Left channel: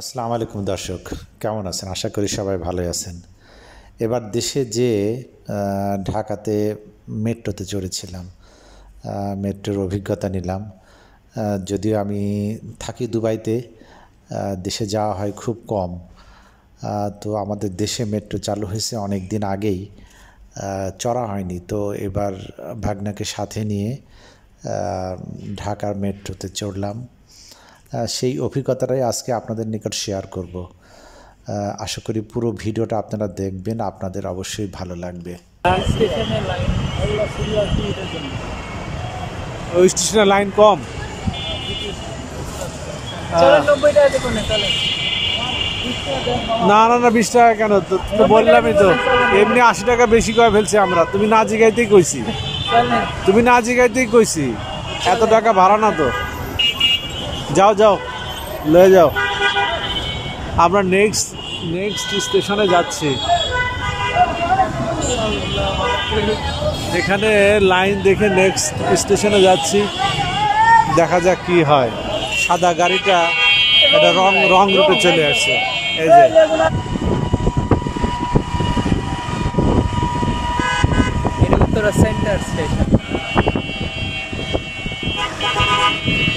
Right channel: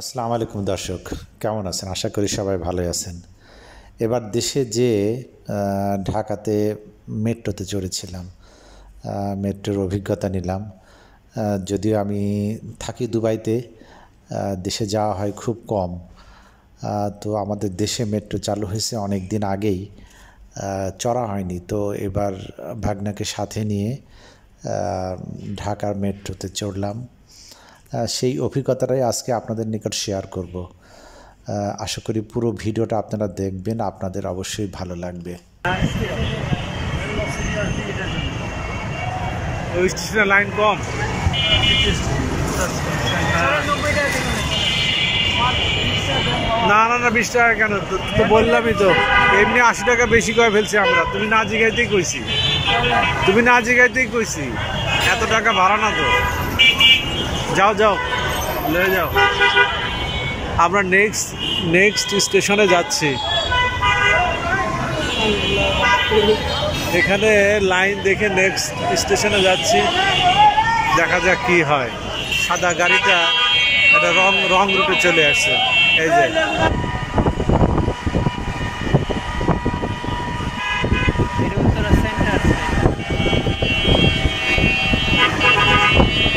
আসসালামু আলাইকুম দর্শক, কেমন আছেন? আশা করি সবাই ভালোই আছেন। এবার দেশে যে ঢাকাতে মেট্রোতে চড়েছিলাম, মেট্রোর অভিজ্ঞতা নিলাম। যদিও আমি থাকি দুবাইতে, দেশে যাওয়া হয় খুব কম। তো আমাদের দেশে মেট্রো চালু হয়েছে অনেক দিন আগেই, চড়া হয়নি। তো এবার ভাগ্নাকে সাথে নিয়ে ঢাকার মেট্রোতে চড়লাম। সেই অভিজ্ঞতাটাই আজকে আপনাদের নিকট শেয়ার করব। আশা করি পুরো ভিডিওটা আপনারা দেখবেন, আপনাদের অবশ্যই ভালো লাগবে। ওই স্টেশনে লাইন কম, না না না 20 টাকা কেন? তো বললামই তো, এমনি 80 টাকা বেশি করে ফেলছি আমরা। তুমি না জিগাইতেই কইছি, এত টাকা ভাড়া না তো। যাও যাও, লয়ে যাও। আমরা নেক্সট স্টেশনে যাচ্ছি। এখানে লাইন দেখে নেক্সট স্টেশনে যাচ্ছি, দেখা যাক কি হয়। সাদা গাড়িটা একটা রং রুটে চলে আসছে। এই যে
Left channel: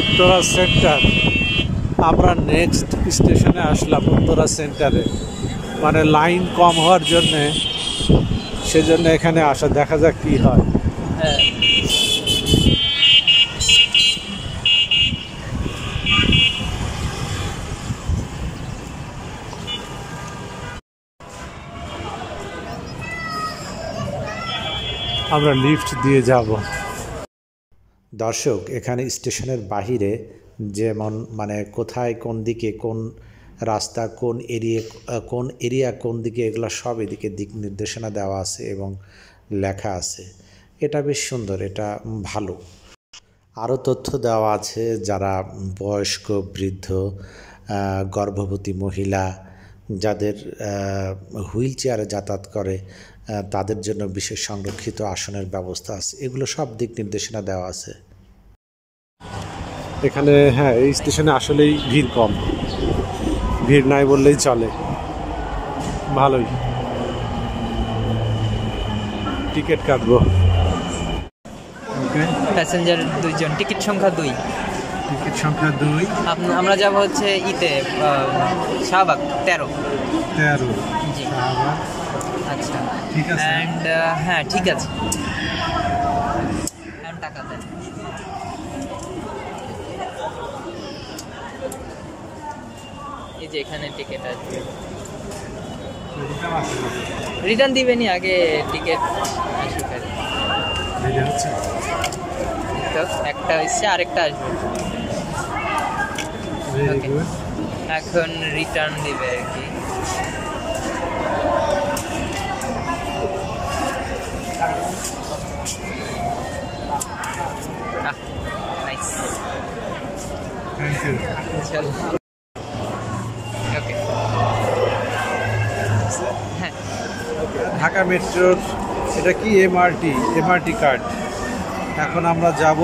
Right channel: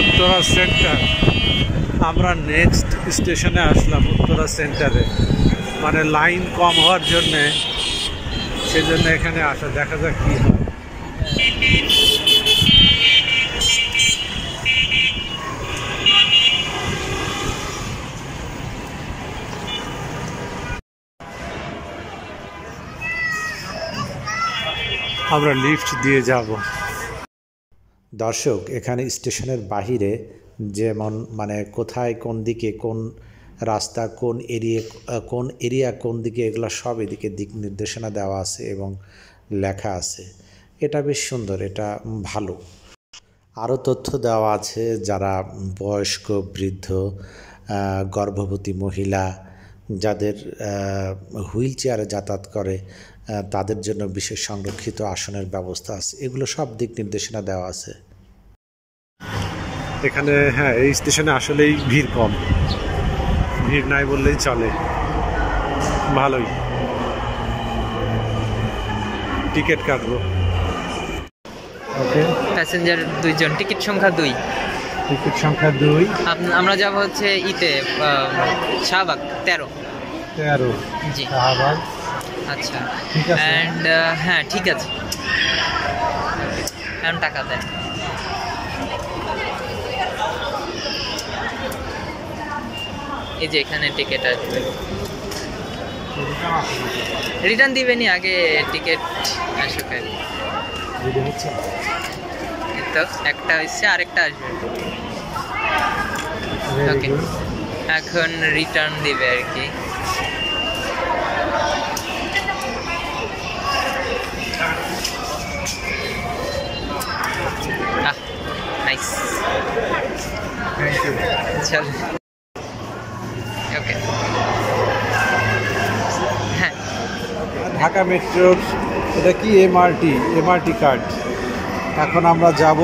উত্তরা সেন্টার। আমরা নেক্সট স্টেশনে আসলাম, উত্তরা সেন্টারে। মানে লাইন কম হওয়ার জন্যে, সেজন্য এখানে আসা। দেখা যাক কি হয়। আমরা লিফট দিয়ে যাব। দর্শক, এখানে স্টেশনের বাহিরে যেমন মানে কোথায় কোন দিকে কোন রাস্তা, কোন এরিয়া কোন দিকে, এগুলো সব এদিকে দিক নির্দেশনা দেওয়া আছে এবং লেখা আছে। এটা বেশ সুন্দর, এটা ভালো। আরও তথ্য দেওয়া আছে, যারা বয়স্ক, বৃদ্ধ, গর্ভবতী মহিলা, যাদের হুইল চেয়ারে যাতায়াত করে, তাদের জন্য বিশেষ সংরক্ষিত আসনের ব্যবস্থা আছে। এগুলো সব দিক নির্দেশনা দেওয়া আছে এখানে। হ্যাঁ, এই স্টেশনে আসলেই ভিড় কম, ভিড় নাই বললেই চলে। ভালোই। টিকিট কাটবো। ওকে, প্যাসেঞ্জার 2 জন, টিকিট সংখ্যা 2। টিকিট সংখ্যা 2। আমরা যাব হচ্ছে ইতে শাহবাগ 13। জি, শাহবাগ। আচ্ছা, ঠিক আছে। এন্ড হ্যাঁ ঠিক আছে, এখন টাকা দেন। এই যে এখানে টিকিট আসবে, রিটার্ন দিবেনি, আগে টিকিট আসুক। তো একটা হচ্ছে, আরেকটা আসবে। ওকে, এখন রিটার্ন দিবে আর কি। Nice, thank you. চল। ওকে, হ্যাঁ। ঢাকা মেট্রোর এটা কি এমআরটি কার্ড। এখন আমরা যাব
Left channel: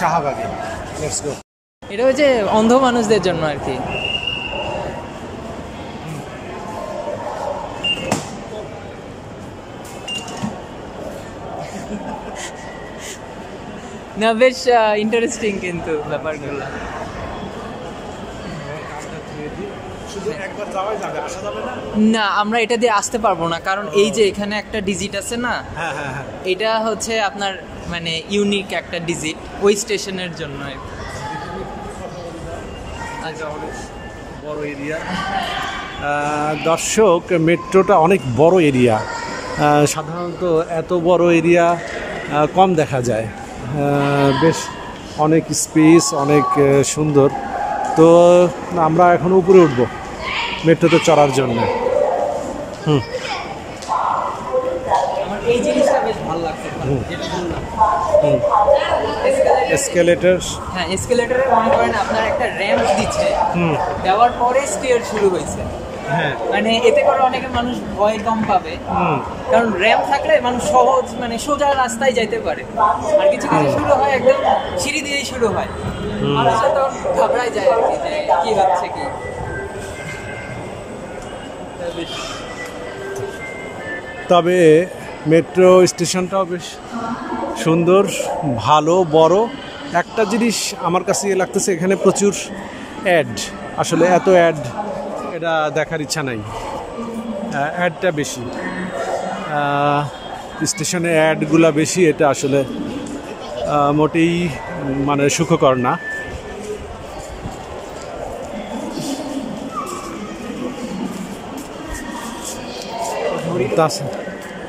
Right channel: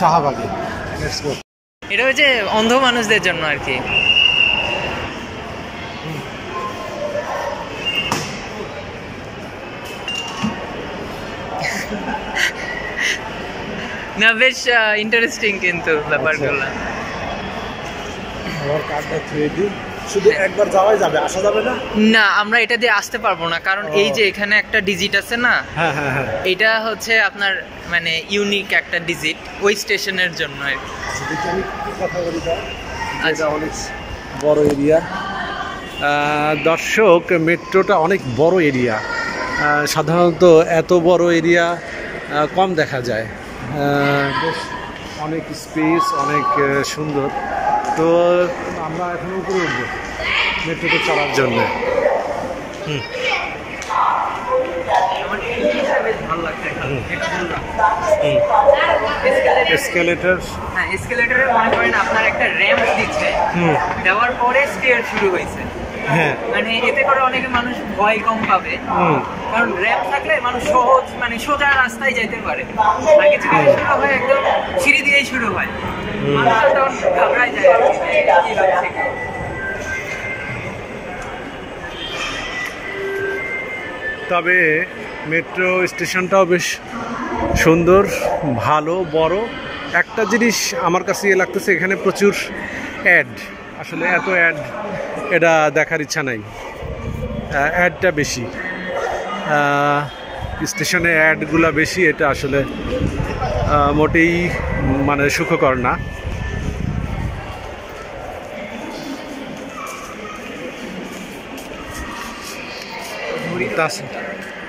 শাহবাগে। Let's go. এটা হচ্ছে অন্ধ মানুষদের জন্য আর কি। না, বেশ ইন্টারেস্টিং কিন্তু ব্যাপারগুলো। শুধু একবার যাওয়াই যাবে, আসা যাবে না? না, আমরা এটা দিয়ে আসতে পারবো না, কারণ এই যে এখানে একটা ডিজিট আছে না। হ্যাঁ হ্যাঁ হ্যাঁ, এটা হচ্ছে আপনার মানে ইউনিক একটা ডিজিট ওই স্টেশনের জন্য আর কি। আচ্ছা, অনেক বড় এরিয়া। দর্শক, মেট্রোটা অনেক বড় এরিয়া। সাধারণত এত বড় এরিয়া কম দেখা যায়। বেশ অনেক স্পেস, অনেক সুন্দর। তো আমরা এখন উপরে উঠবো মেট্রোতে চড়ার জন্য। এসকেলেটর। হ্যাঁ, এসকেলেটরে মনে করেন আপনার একটা র্যাম্প দিচ্ছে, দেওয়ার পরে স্টেয়ার শুরু হয়েছে। হ্যাঁ, মানে এতে করে অনেকে মানুষ ভয় কম পাবে, কারণ র্যাম্প থাকলে মানুষ সহজ মানে সোজা রাস্তায় যাইতে পারে। আর কিছু শুরু হয় একদম সিঁড়ি দিয়েই শুরু হয়। মানুষও তখন ঘাবড়ায় যায় আর কি, যে কি হচ্ছে কি। তবে মেট্রো স্টেশনটাও বেশ সুন্দর, ভালো, বড়। একটা জিনিস আমার কাছে ইয়ে লাগতেছে, এখানে প্রচুর অ্যাড। আসলে এত অ্যাড এটা দেখার ইচ্ছা নাই, অ্যাডটা বেশি, স্টেশনে অ্যাডগুলা বেশি, এটা আসলে মোটেই মানে সুখকর না।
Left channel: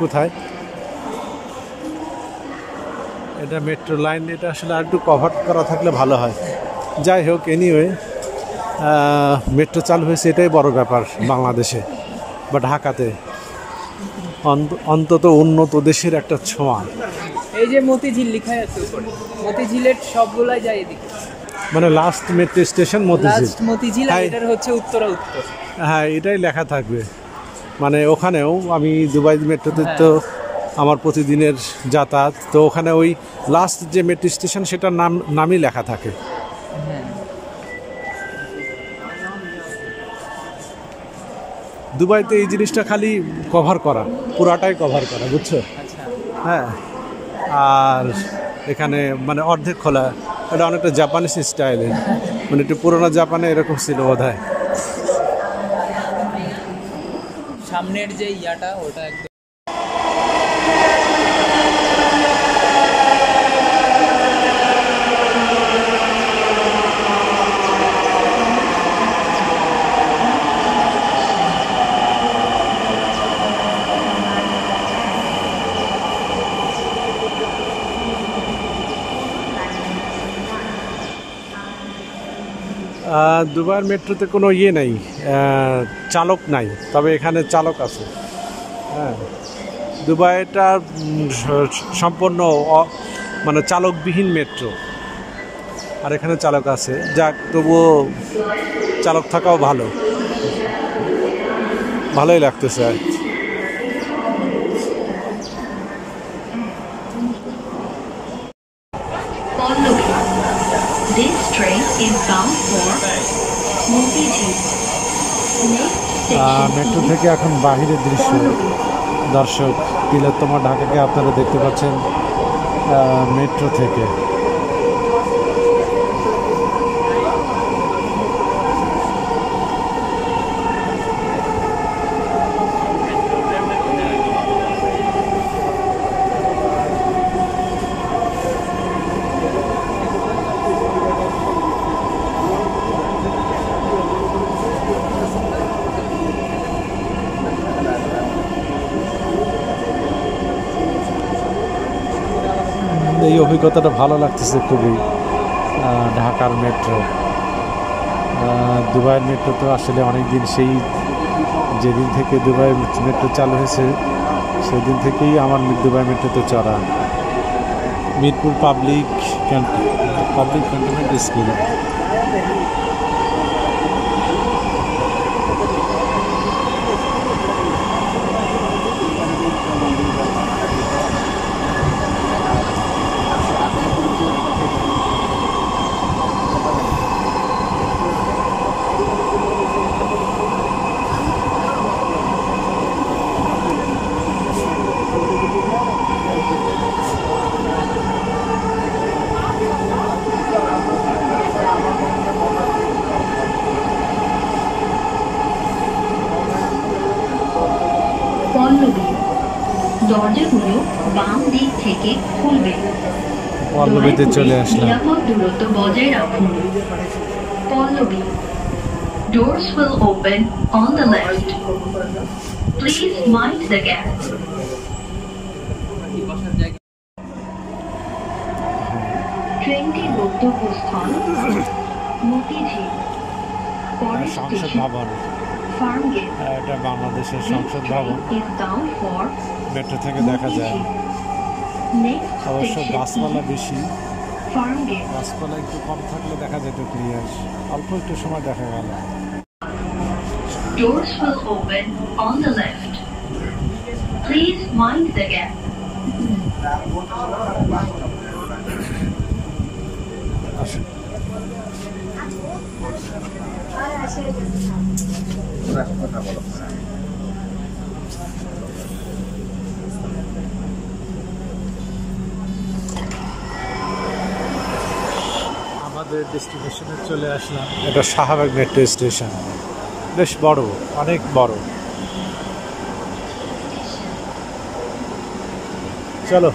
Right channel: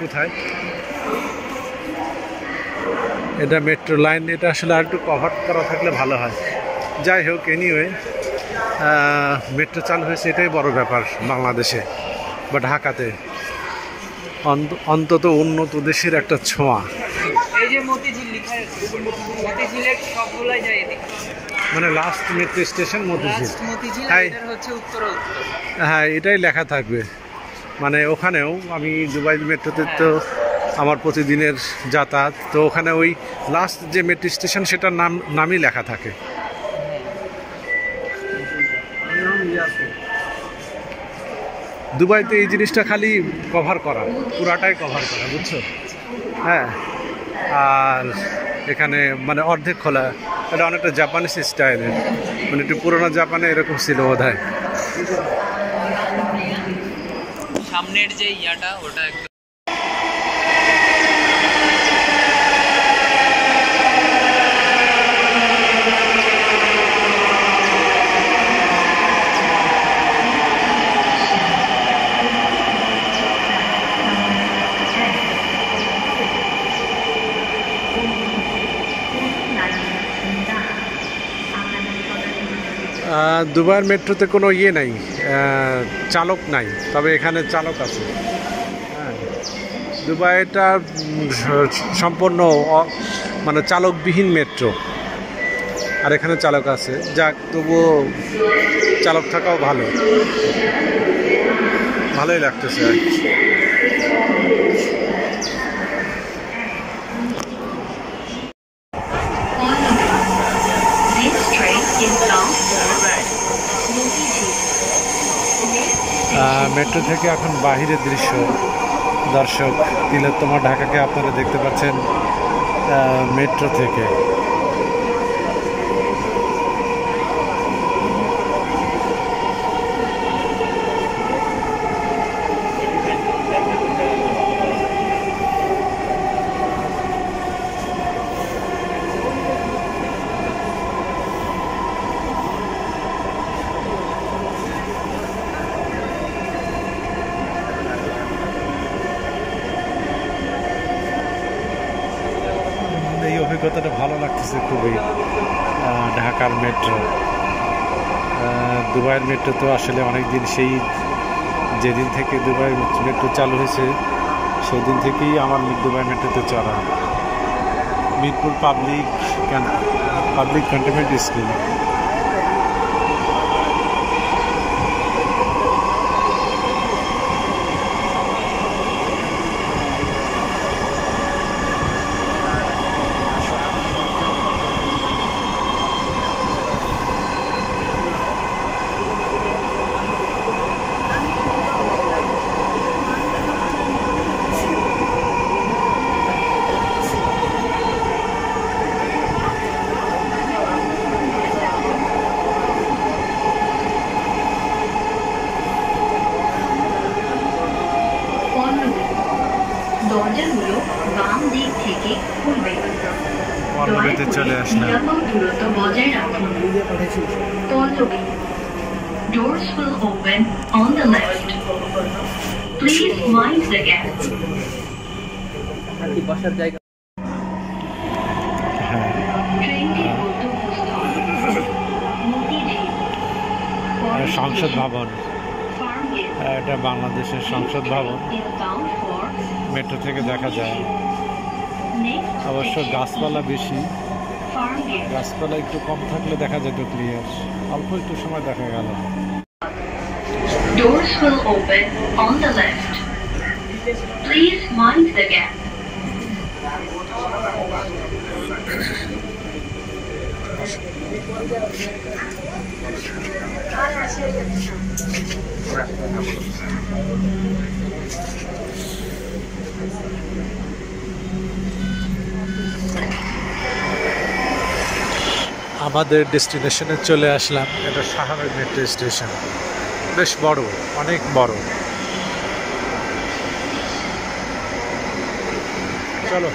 কোথায় এটা মেট্রো লাইন, এটা আসলে আর একটু কভার করা থাকলে ভালো হয়। যাই হোক, এনিওয়ে মেট্রো চালু হয়েছে, এটাই বড় ব্যাপার বাংলাদেশে বা ঢাকাতে, অন্তত উন্নত দেশের একটা ছোঁয়া। এই যে মতিঝিল লেখা আছে, মতিঝিলের সবগুলাই যায় এদিকে, মানে last metro station Motijheel. Motijheel এটার হচ্ছে উত্তরা উত্তর। হ্যাঁ, এটাই লেখা থাকবে। মানে ওখানেও আমি দুবাই মেট্রোতে তো আমার প্রতিদিনের যাতায়াত, তো ওখানে ওই লাস্ট যে মেট্রো স্টেশন সেটার নামই লেখা থাকে। দুবাইতে এই জিনিসটা খালি কভার করা, পুরাটাই কভার করা, বুঝছো? হ্যাঁ, আর এখানে মানে অর্ধেক খোলা, এটা অনেকটা জাপানিজ স্টাইলের, মানে একটু পুরোনো জাপানে এরকম ছিল বোধহয়। সামনের যে ইয়াটা ওটা একদম দুবাইয়ের মেট্রোতে কোনো ইয়ে নাই, চালক নাই, তবে এখানে চালক আছে। হ্যাঁ, দুবাইটা সম্পূর্ণ মানে চালকবিহীন মেট্রো, আর এখানে চালক আছে। যাক, তবুও চালক থাকাও ভালোই লাগতেছে আর কি। মেট্রো থেকে এখন বাহিরের দৃশ্য, দর্শক, তিলোত্তমা ঢাকাকে আপনারা দেখতে পাচ্ছেন মেট্রো থেকে। এই অভিজ্ঞতাটা ভালো লাগতেছে খুবই, ঢাকার মেট্রো। দুবাইয়ের মেট্রো তো আসলে অনেক দিন, সেই যেদিন থেকে দুবাই মেট্রো চালু হয়েছে সেই দিন থেকেই আমার দুবাই মেট্রোতে চড়া। Mirpur public cantonment school. দরজাগুলো বাম দিক থেকে খুলবে। পল্লবীতে চলে আসলাম। নিরাপদ দূরত্ব বজায় রাখুন। Pallavi, doors will open on the left. Please mind the gap. ট্রেনটি গন্তব্যস্থল মতিঝিল। সংসদ ভবন, এটা বাংলাদেশের সংসদ ভবন, মেট্রো থেকে দেখা যায়। অবশ্য গাছপালা বেশি, গাছপালা একটু কম থাকলে দেখা যেত ক্লিয়ার, অল্প একটু সময় দেখা গেল। Doors will open on the left. Please mind the gap. আমাদের ডেস্টিনেশনে চলে আসলাম। এটা শাহবাগ মেট্রো স্টেশন, বেশ বড়, অনেক বড়। চলো।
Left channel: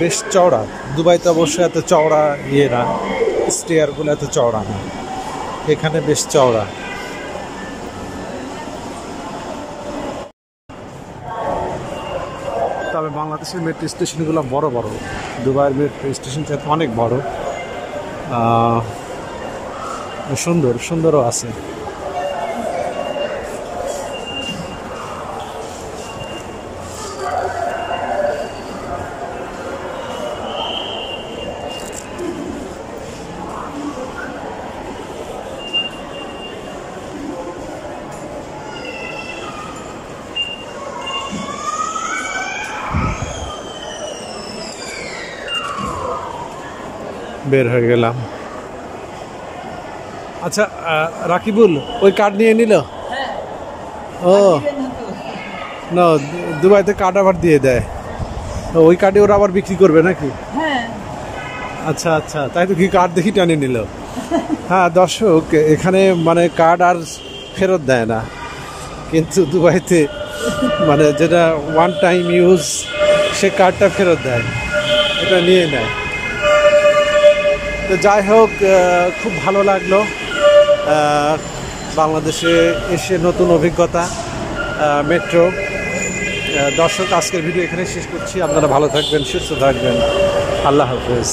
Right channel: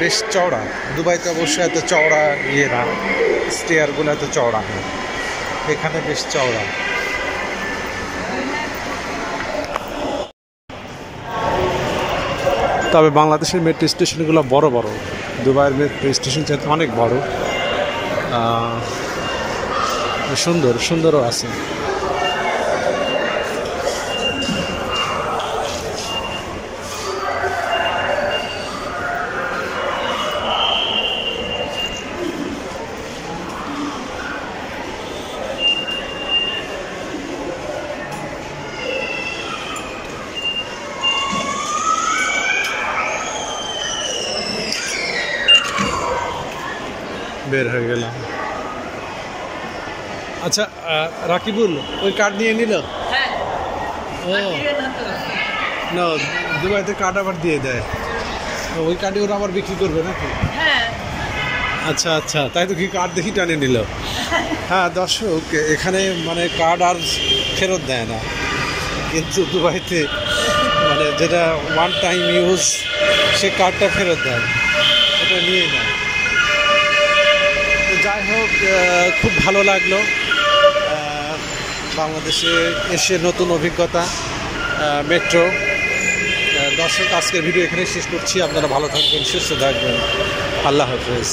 বেশ চওড়া। দুবাইতে অবশ্যই এত চওড়া ইয়ে না, স্টেয়ারগুলো এত চওড়া না, এখানে বেশ চওড়া। তবে বাংলাদেশের মেট্রো স্টেশনগুলো বড় বড়, দুবাইয়ের মেট্রো স্টেশন চাইতে অনেক বড়, সুন্দরও আছে। বের হয়ে গেলাম। আচ্ছা রাকিবুল, ওই কার্ড নিয়ে নিল? ও না, দুবাইতে কার্ড আবার দিয়ে দেয়, ওই কার্ডে ওরা আবার বিক্রি করবে নাকি? আচ্ছা আচ্ছা, তাই তো কি কার্ড দেখি টানে নিল। হ্যাঁ দর্শক, এখানে মানে কার্ড আর ফেরত দেয় না, কিন্তু দুবাইতে মানে যেটা ওয়ান টাইম ইউজ, সে কার্ডটা ফেরত দেয়, এটা নিয়ে নেয়। তো যাই হোক, খুব ভালো লাগলো বাংলাদেশে এসে, নতুন অভিজ্ঞতা মেট্রো। দর্শক, আজকের ভিডিও এখানে শেষ করছি। আপনারা ভালো থাকবেন, সুস্থ থাকবেন। আল্লাহ হাফেজ।